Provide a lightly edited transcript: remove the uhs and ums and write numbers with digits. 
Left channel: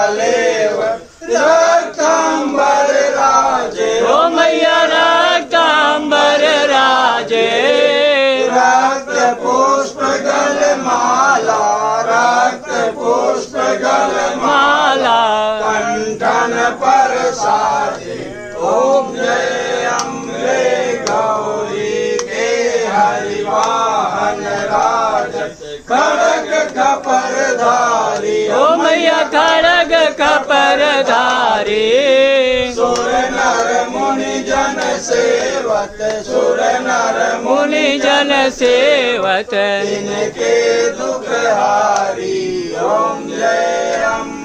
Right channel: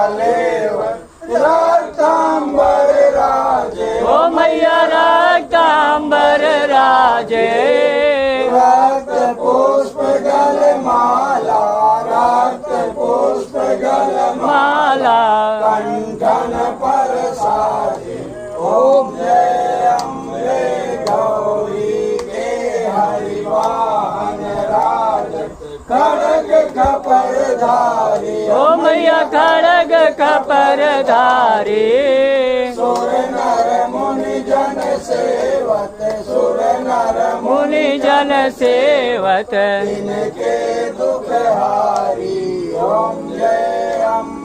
कलेव रक्तांबर राजे ओ मैया रक्तांबर राजे रक्त पुष्प गलमाला रक्त पुष्प गलमाला कंठन पर साजे ओम जय अम्बे गौरी के हरिवाहन राज खड़ग खपरधारी ओ मैया खड़ग खपरधारी सुर नर मुनि जन सेवत सुर नर मुनि जन सेवत इनके दुख हारी ओम जय अम्बे